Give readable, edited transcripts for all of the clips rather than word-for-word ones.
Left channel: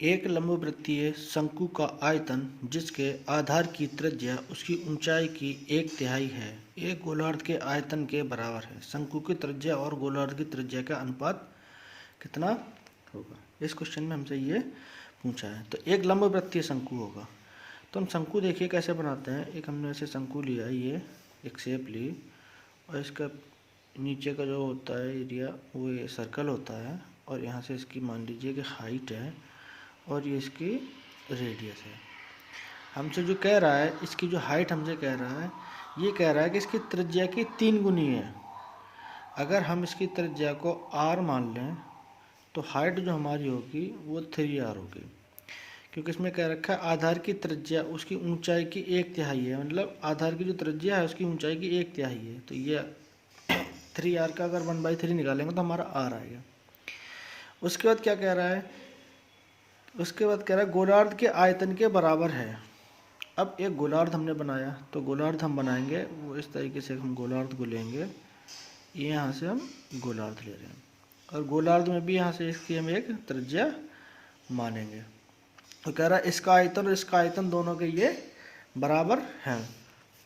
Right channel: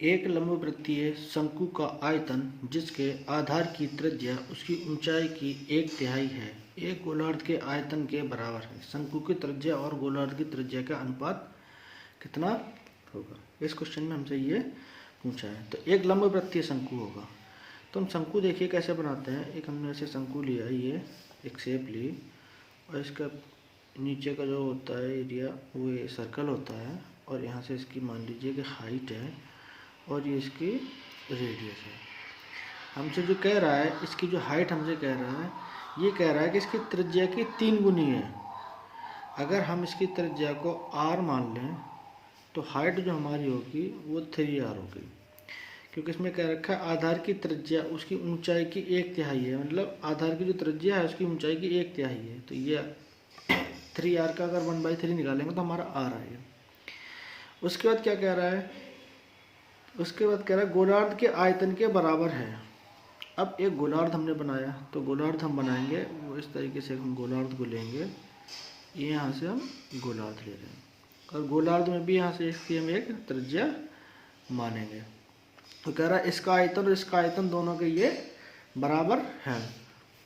एक लंबवृत्तीय शंकु का आयतन जिसके आधार की त्रिज्या उसकी ऊंचाई की 1/3 है एक गोलार्ध के आयतन के बराबर है। शंकु की त्रिज्या और गोलार्ध की त्रिज्या का अनुपात कितना होगा? इस क्वेश्चन में हमसे ये पूछा है। तो एक लंबवृत्तीय शंकु होगा, तो हम शंकु देखिए कैसे बनाते हैं। एक हमने ऐसे शंकु लिया, ये एक शेप ली और इसका नीचे का जो होता है एरिया वो ये सर्कल होता है और यहाँ से इसकी मान लीजिए कि हाइट है और ये इसकी रेडियस है। हमसे जो कह रहा है, इसकी जो हाइट हमसे कह रहा है, ये कह रहा है कि इसकी त्रिज्या की 3 गुनी है। अगर हम इसकी त्रिज्या को r मान लें तो हाइट जो हमारी होगी वो 3r होगी, क्योंकि इसमें कह रखा है आधार की त्रिज्या उसकी ऊंचाई की 1/3 है। मतलब आधार की जो त्रिज्या है उसकी ऊंचाई की 1/3 है। तो ये 3r का अगर 1/3 निकालेंगे तो हमारा r आएगा। उसके बाद क्या कह रहा है? उसके बाद कह रहा है गोलार्ध के आयतन के बराबर है। अब एक गोलार्ध हमने बनाया, तो गोलार्ध हम बनाएंगे वो इस तरीके से, हम गोलार्ध को लेंगे, ये यहाँ से हम गोलार्ध ले लेंगे और गोलार्ध में भी यहाँ से इसकी हम एक त्रिज्या मानेंगे। तो कह रहा है इसका आयतन और इसका आयतन दोनों के ये बराबर है।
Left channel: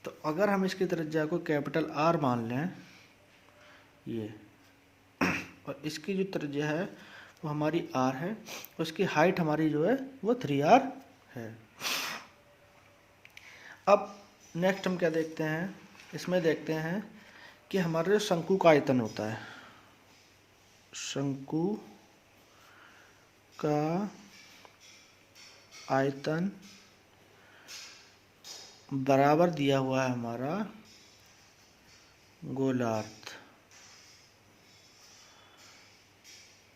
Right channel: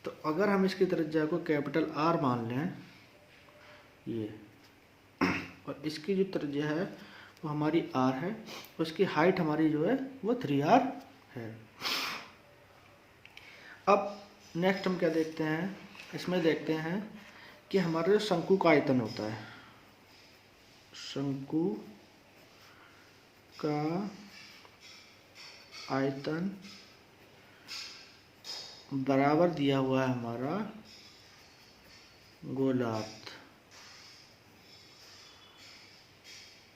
तो अगर हम इसकी त्रिज्या को कैपिटल R मान लें ये, और इसकी जो त्रिज्या है वो हमारी R है, उसकी हाइट हमारी जो है वो 3r है। अब नेक्स्ट हम क्या देखते हैं? इसमें देखते हैं कि हमारा जो शंकु का आयतन होता है, शंकु का आयतन बराबर दिया हुआ है हमारा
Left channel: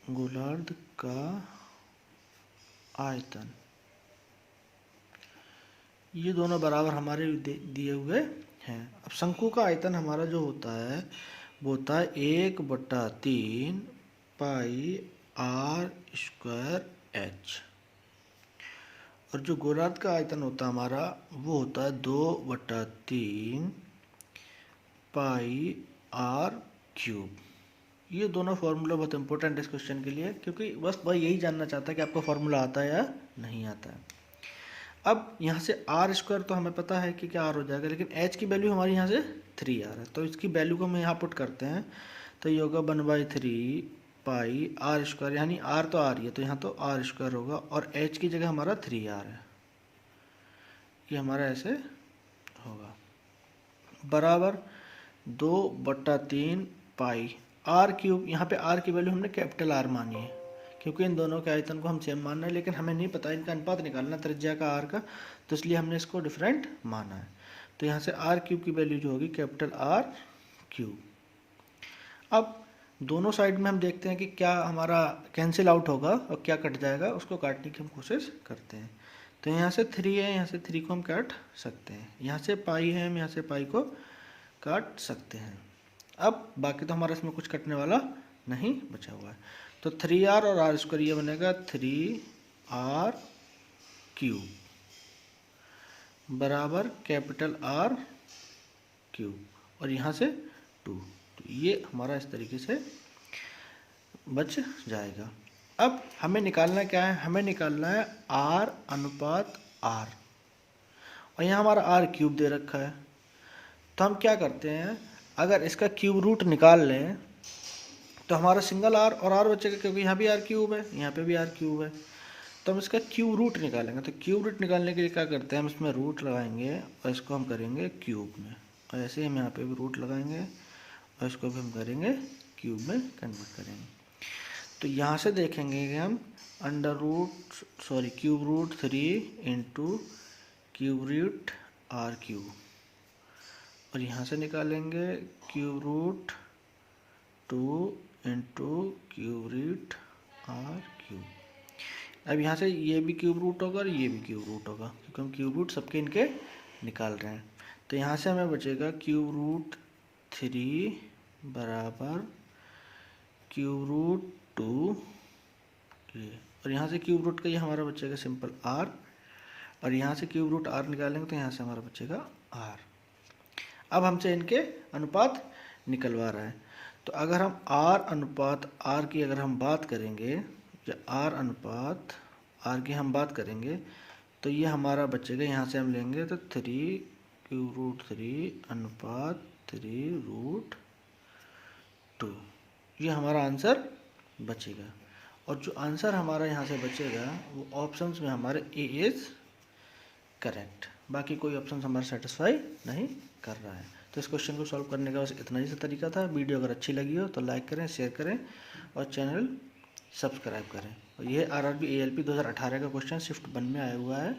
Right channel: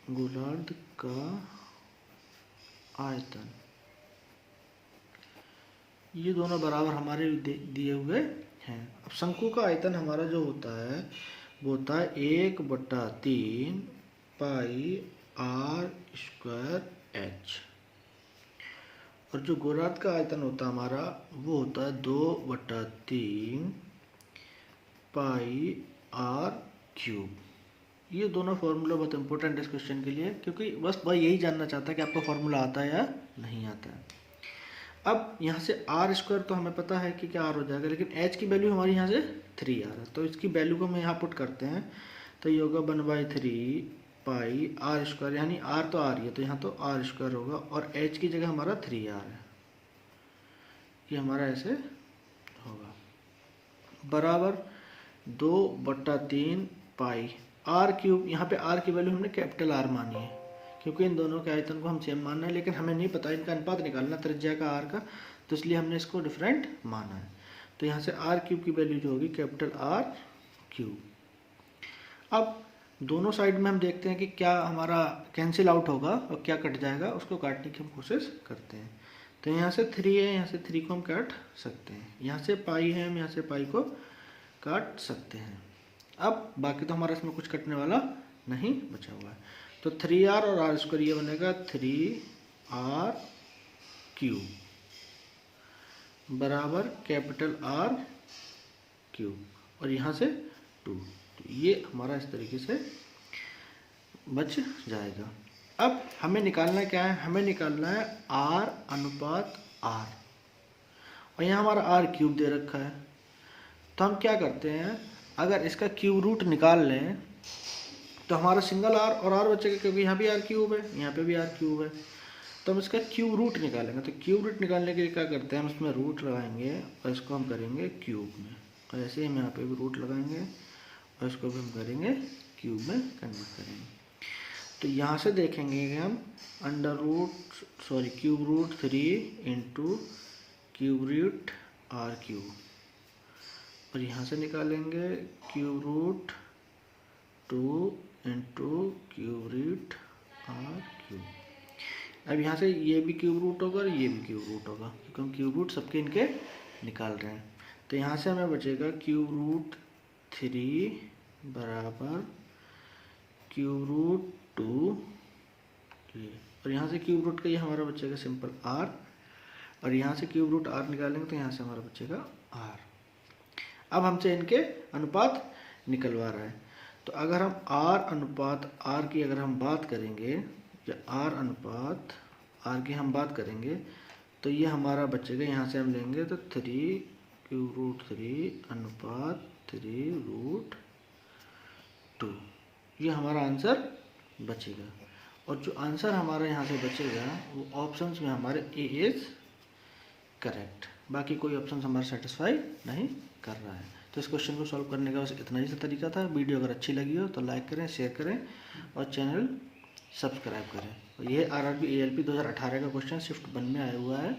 गोलार्ध का आयतन, ये दोनों बराबर हमारे दिए हुए हैं। अब शंकु का आयतन हमारा जो होता है वो होता है 1/3 पाई r² h, और जो गोलार्ध का आयतन होता है हमारा वो होता है 2/3 पाई r³। ये दोनों फार्मूला बहुत इंपॉर्टेंट है इस क्वेश्चन के लिए, क्योंकि बस भाई यही जानना चाहता है कि आपको फार्मूला आता है या नहीं आता है। अब यहाँ से r² तो हमें पता है कि क्या r हो जाएगा, लेकिन h की वैल्यू हमारी यहाँ से 3r है, तो इसकी वैल्यू को हम यहाँ पुट करते हैं तो ये होगा 1/3 पाई r², यानी r तो r ही है तो यहाँ तो r² होगा और h की जगह हमारा 3r है, ये हमारा ऐसे होगा, बराबर 2/3 पाई r³। यहाँ पे r की वैल्यू हमने कैपिटल R मानी है क्योंकि इन दोनों के आयतन को हम सेम मानना है, लेकिन हमें नहीं पता इनका अनुपात निकालना त्रिज्या का r का, तो इसलिए हमने इसको डिफरेंट माना है। तो यहाँ से r³ की वैल्यू जो होगी कैपिटल R³। अब दोनों साइड में हम देखते हैं कि क्या हमारा कैंसिल आउट होगा और क्या कट जाएगा, उसको काटने की हम कोशिश करते हैं। तो यहाँ से 3 है, यहाँ से 3 को हम काट सकते हैं, यहाँ से पाई है, हम यहाँ से पाई को काट सकते हैं। अब बाकी तो हमारा इसमें कुछ कटने वाला नहीं बचा हुआ है, तो 3r और r² ये बनेगा 3r³ बराबर कैपिटल R³ और यहाँ से 2, तो ये हमारा इस तरीके से बच जाएगा। अब हमें निकालना क्या है? हमें निकालना है R/R, और यहाँ हमारा r³ दे रखा है। तो हम क्या करते हैं, अगर इसका क्यूब रूट निकाल लें तो हमारा सिंगल r और r बचेगा, क्योंकि यहाँ भी r³ है, यहाँ पे भी r³ है। तो हम इसका क्यूब रूट निकालेंगे। तो क्यूब रूट निकालने के लिए क्या करते हैं, हम इसमें रूट लगाएंगे और इसको हम करेंगे क्यूब में, तो ऐसे ही हम यहाँ पे भी रूट लगाएंगे और इसको भी हम करेंगे क्यूब में कन्वर्ट करेंगे। तो यहाँ से देखेंगे कि हम cube root 3 into cube root r³, और यहाँ से निकालेंगे cube root 2 into cube root r³। अब यहाँ से ये भी क्यूब रूट होगा और ये भी क्यूब रूट होगा, क्योंकि हम क्यूब रूट सबके इनके निकाल रहे हैं। तो यहाँ से हमें बचेगा क्यूब रूट 3 बराबर क्यूब रूट 2, और यहाँ से क्यूब रूट का ये हमारा बचेगा सिंपल r, और यहाँ से क्यूब रूट r निकालेंगे तो यहाँ से हमारा बचेगा r। अब हमसे इनके अनुपात निकलवा रहा है, तो अगर हम r/r की अगर हम बात करेंगे, या r/r आर की हम बात करेंगे तो ये हमारा बचेगा, यहाँ से हम लेंगे तो 3 अनुपात 3√2, ये हमारा आंसर बचेगा। और जो आंसर हमारा यहाँ से बचेगा वो ऑप्शंस में हमारे ए इज़ करेक्ट, बाकी कोई ऑप्शन हमारा सेटिस्फाई नहीं कर रहा है। तो इस क्वेश्चन को सॉल्व करने का बस इतना ही सा तरीका था। वीडियो अगर अच्छी लगी हो तो लाइक करें, शेयर करें और चैनल सब्सक्राइब करें। ये आरआरबी एएलपी 2018 का क्वेश्चन शिफ्ट 1 में आया हुआ है।